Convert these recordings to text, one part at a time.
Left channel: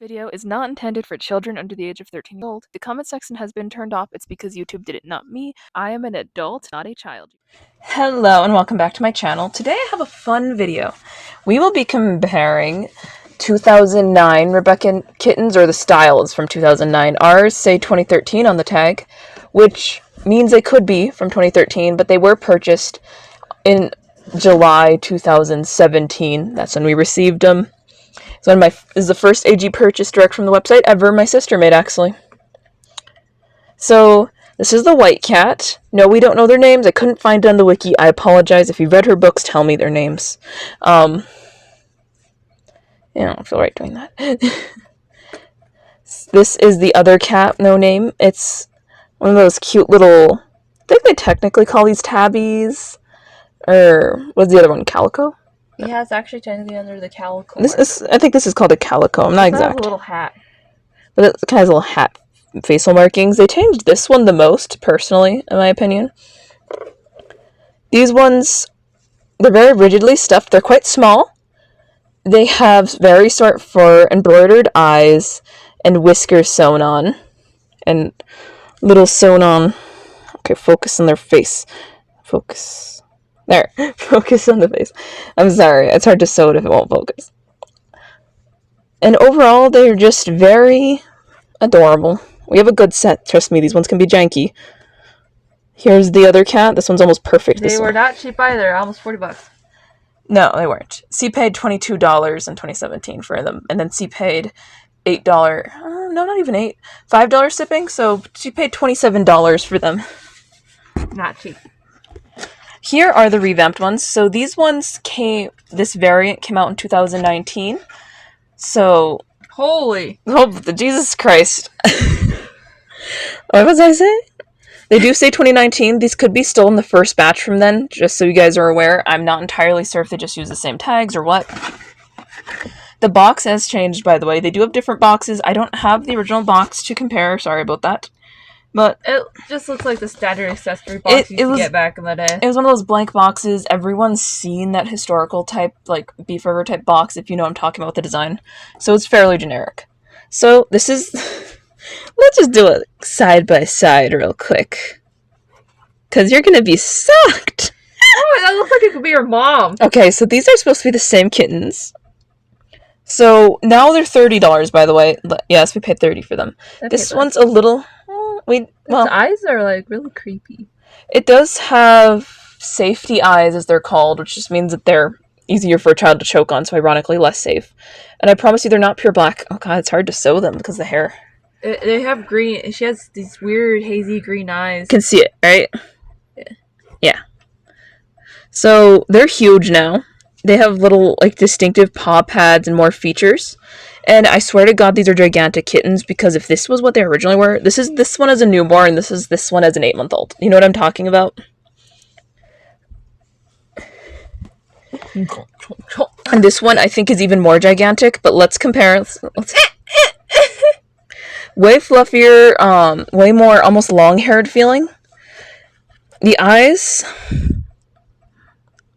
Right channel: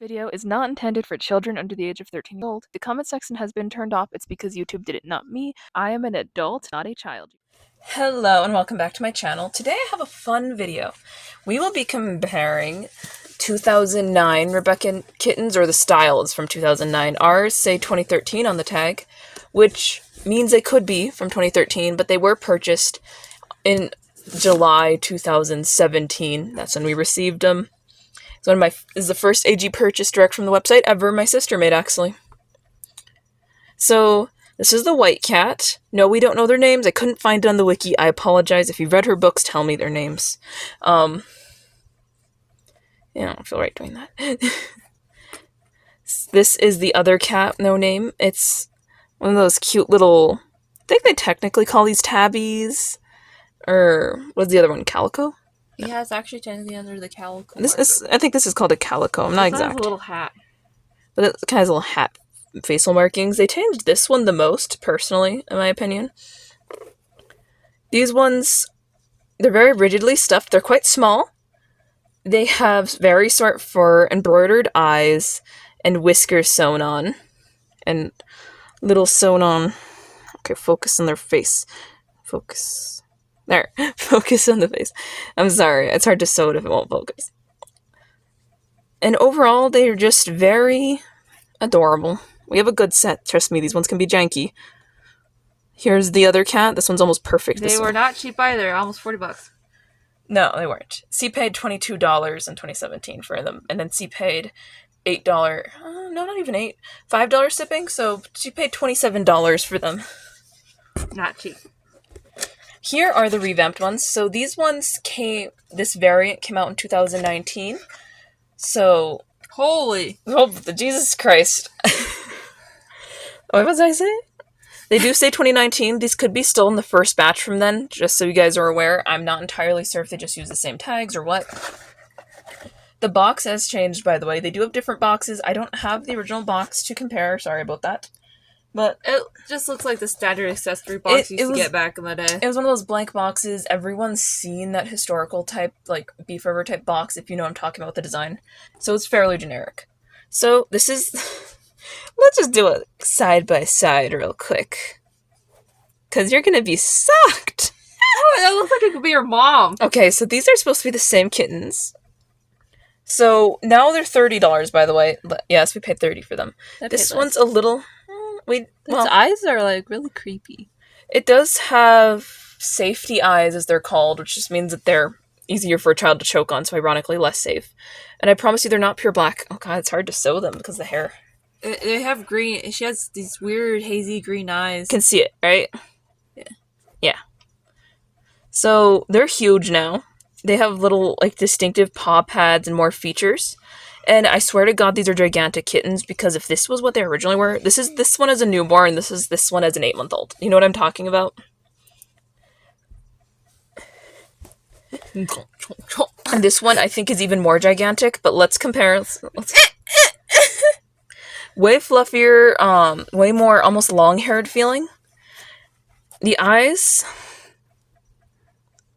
Video is not intended for children under the age of 13 years old. The comment section has been turned off. It's because YouTube did it, not me. I am an adult, not a child. Hello and welcome back to my channel. Today I have a fun video. We will be comparing 2009 Rebecca Kittens, or the style is from 2009. Ours say 2013 on the tag, which means they could be from 2013, but they were purchased in July 2017. That's when we received them. This is the first AG purchase direct from the website ever my sister made, actually. So this is the white cat. No, we don't know their names. I couldn't find it on the wiki. I apologize. If you've read her books, tell me their names. Yeah, I don't feel right doing that. This is the other cat, no name. It's one of those cute little, I think they technically call these tabbies. Or what's the other one? Calico? Yeah, it's actually technically under the calico. I think this is called a calico. I'm not exact. It has a little hat. But it kind of has little hat facial markings. They changed this one the most, personally, in my opinion. These ones, they're very rigidly stuffed. They're quite small. They have very short fur, embroidered eyes, and whiskers sewn on. And little sewn on. Okay, focus on their face. Focus. There. Focus on the face. I'm sorry. It's hard to sew it if it won't focus. And overall, they're just very adorable. We have a good set. Trust me, these ones can be janky. Here's the other cat. This one's almost perfect. They were not cheap either. Almost $40. No, they weren't. C paid $22 in 2017 for them. And then C paid $8. No, not even $8. $5 shipping. So she paid $27 for them. Not cheap. Here are the revamped ones. So these ones this variant came out in 2019. So. Holy. Oh, Jesus Christ. What was I saying? They do say 2019. These could be still in the first batch from then, just so you guys are aware. I'm not entirely sure if they just use the same tags or what. The box has changed, by the way. They do have different boxes. I don't have the original box to compare. Sorry about that. But it just looks like the standard accessory box you used to get back in the day. It was one of those blank boxes. Everyone's seen that historical type, like beef river type box, if you know what I'm talking about with the design. So it's fairly generic. So this is... Let's just do it side by side real quick. Because you're going to be sucked. Oh, that looks like it could be your mom. Okay, so these are supposed to be the same kittens. So now they're $30, by the way. Yes, we paid $30 for them. This one's a little... Its eyes are like really creepy. It does have safety eyes, as they're called, which just means that they're easier for a child to choke on, so ironically less safe. And I promise you they're not pure black. Oh god, it's hard to sew them because of the hair. They have green. She has these weird hazy green eyes. You can see it, right? Yeah. So they're huge now. They have little like distinctive paw pads and more features. And I swear to God, these are gigantic kittens, because if this was what they originally were, this one as a newborn, this one as an 8-month-old. You know what I'm talking about? And this one I think is even more gigantic, but let's compare. Way fluffier, way more almost long-haired feeling. The eyes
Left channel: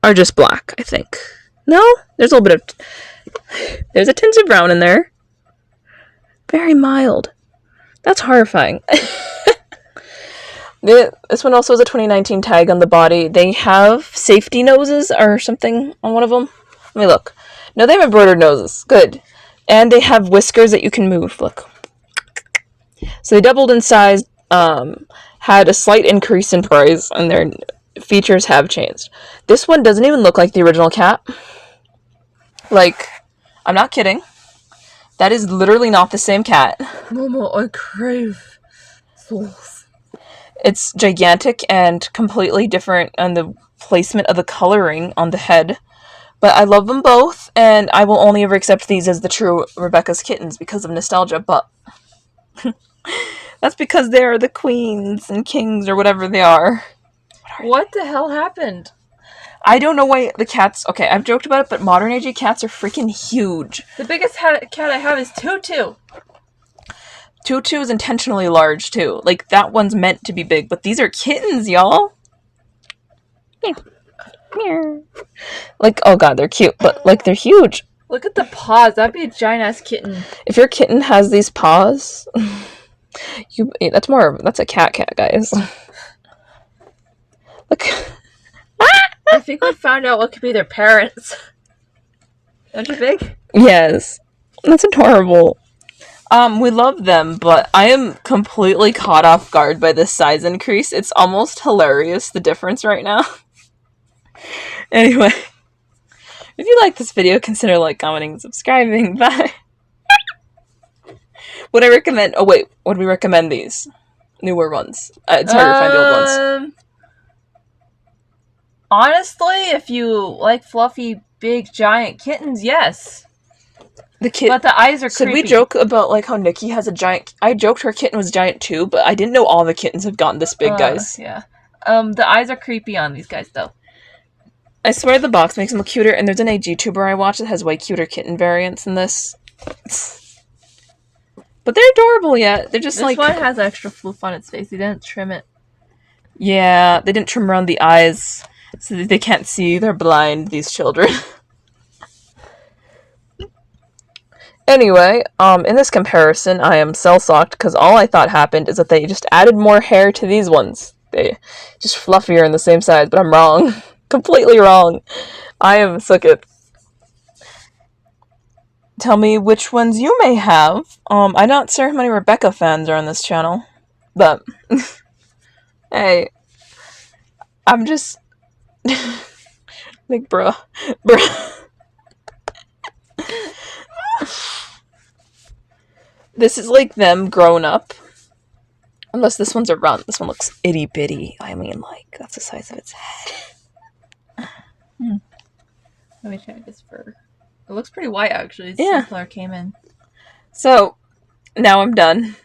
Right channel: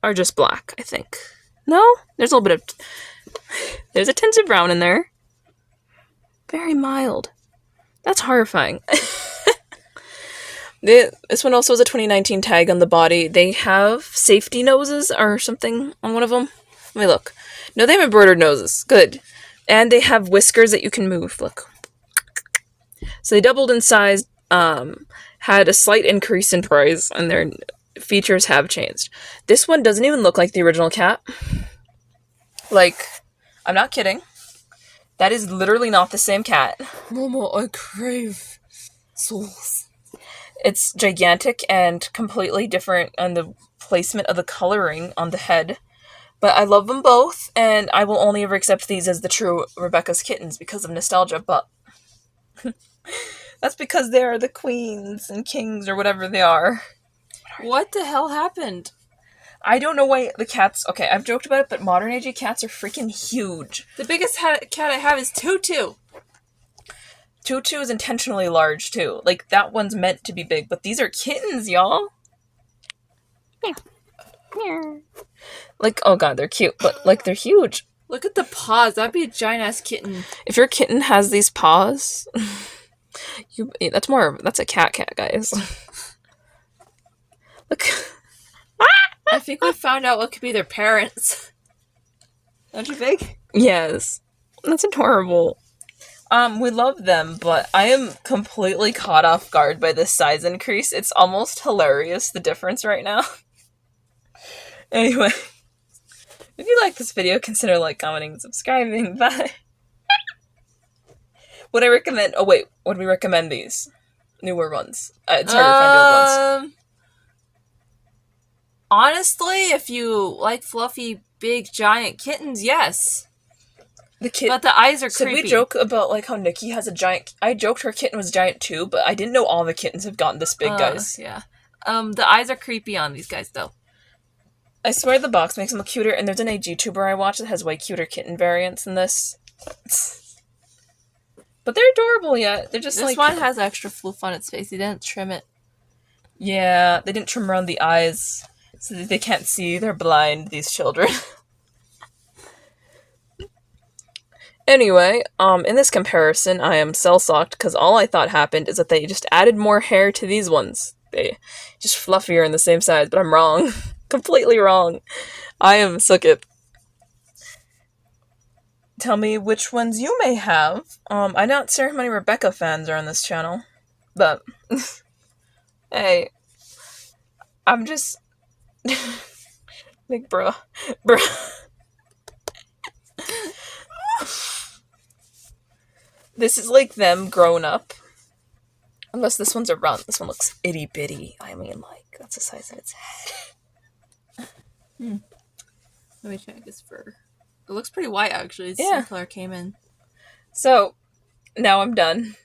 are just black, I think. No? There's a little bit of... There's a tinge of brown in there. Very mild. That's horrifying. This one also has a 2019 tag on the body. They have safety noses or something on one of them. Let me look. No, they have embroidered noses. Good. And they have whiskers that you can move. Look. So they doubled in size, had a slight increase in price, and their features have changed. This one doesn't even look like the original cat. Like... I'm not kidding. That is literally not the same cat. Mama, I crave sauce. It's gigantic and completely different on the placement of the coloring on the head. But I love them both, and I will only ever accept these as the true Rebecca's Kittens because of nostalgia, but... That's because they are the queens and kings or whatever they are. What the hell happened? I don't know why the cats... Okay, I've joked about it, but modern age cats are freaking huge. The biggest cat I have is Tutu. Tutu is intentionally large, too. Like, that one's meant to be big, but these are kittens, y'all. Like, oh god, they're cute, but, like, they're huge. Look at the paws. That'd be a giant ass kitten. If your kitten has these paws, that's a cat, guys. Look. I think we found out what could be their parents. Don't you think? Yes. That's adorable. We love them, but I am completely caught off guard by this size increase. It's almost hilarious, the difference right now. Anyway, if you like this video, consider commenting, and subscribing. Bye. Would I recommend... Oh, wait. Would we recommend these? Newer ones. It's harder to find the old ones. Honestly, if you like fluffy, big, giant kittens, yes. But the eyes are creepy. Should we joke about, how Nikki has a giant... I joked her kitten was giant, too, but I didn't know all the kittens have gotten this big, guys. Yeah. The eyes are creepy on these guys, though. I swear the box makes them look cuter, and there's an age YouTuber I watch that has way cuter kitten variants than this. But they're adorable yet. They're just this one has extra floof on its face. They didn't trim it. Yeah, they didn't trim around the eyes, so that they can't see. They're blind, these children. Anyway, in this comparison, I am cell-socked, because all I thought happened is that they just added more hair to these ones. They just fluffier and the same size, but I'm wrong. Completely wrong. I am sooked. Tell me which ones you may have. I'm not sure how many Rebecca fans are on this channel, but hey, I'm just bruh. This is them grown up. Unless this one's a runt. This one looks itty bitty. I mean, that's the size of its head. Let me check this fur. It looks pretty white, actually. It's Yeah. the color came in. So, now I'm done.